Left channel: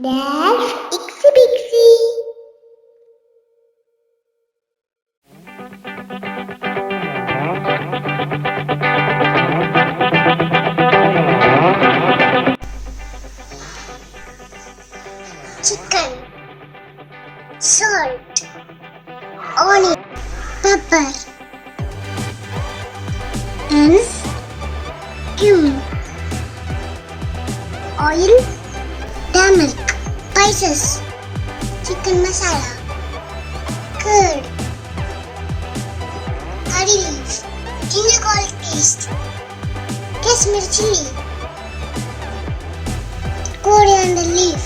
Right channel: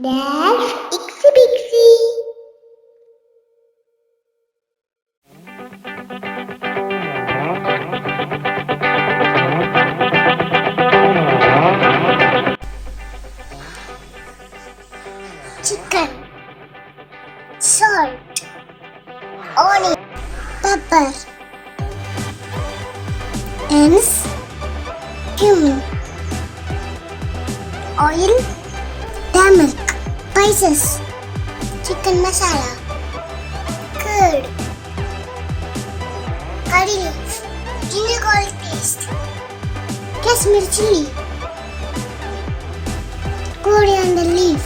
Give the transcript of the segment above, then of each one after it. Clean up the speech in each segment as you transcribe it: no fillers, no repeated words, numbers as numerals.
There's Ixie Bixie. Chicken, salt, onion, pepper, onions, cumin, oil, turmeric, spices, chicken masala, curd, curry leaf, ginger garlic paste, Kashmir chili, coriander leaf,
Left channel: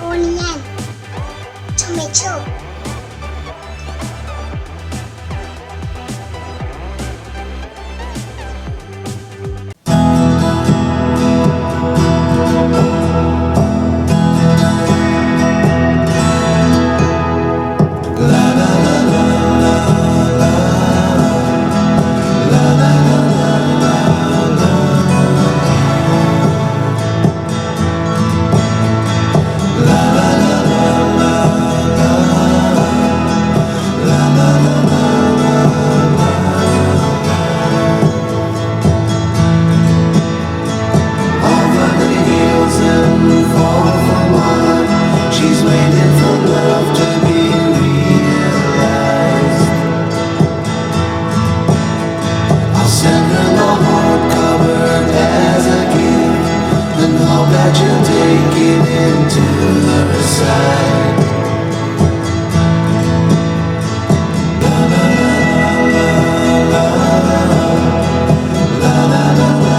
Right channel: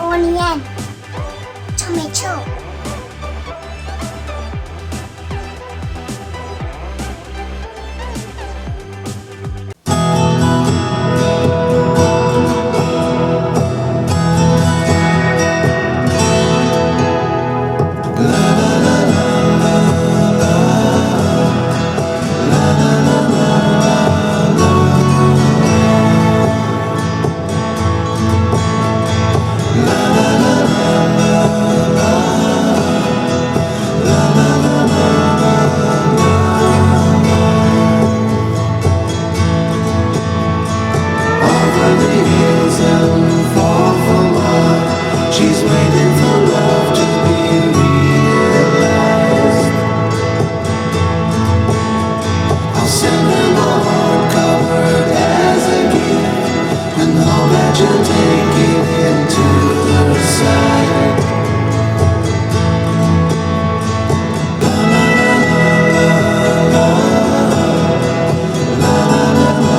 onion, tomato. She's waiting for love to be realized. I'll send her my heart covered as a gift, and hope that you'll take it into her side. La la la la la la la la la la.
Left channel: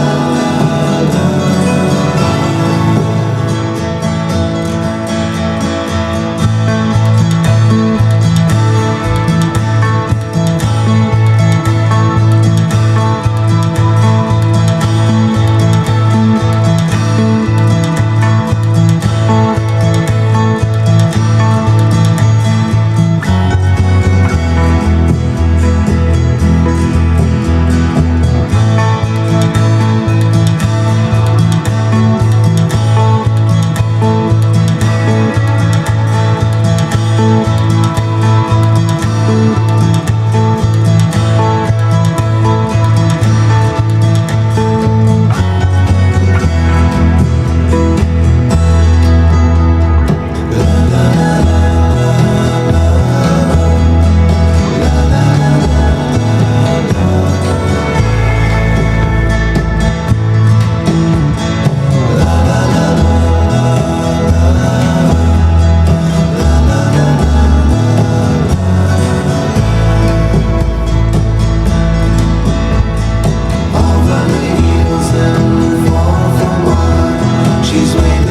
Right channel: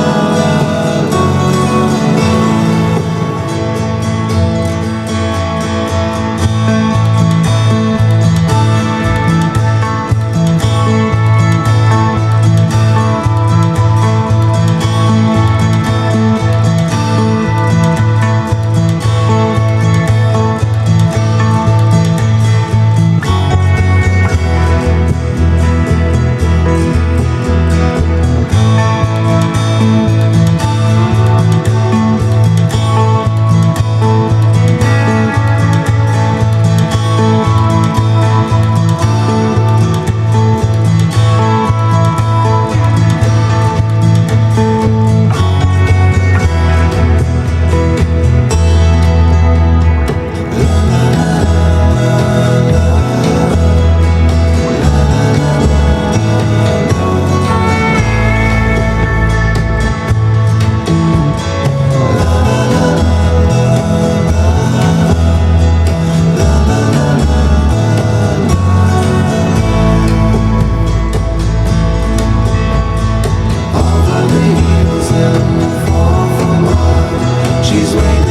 She's waiting.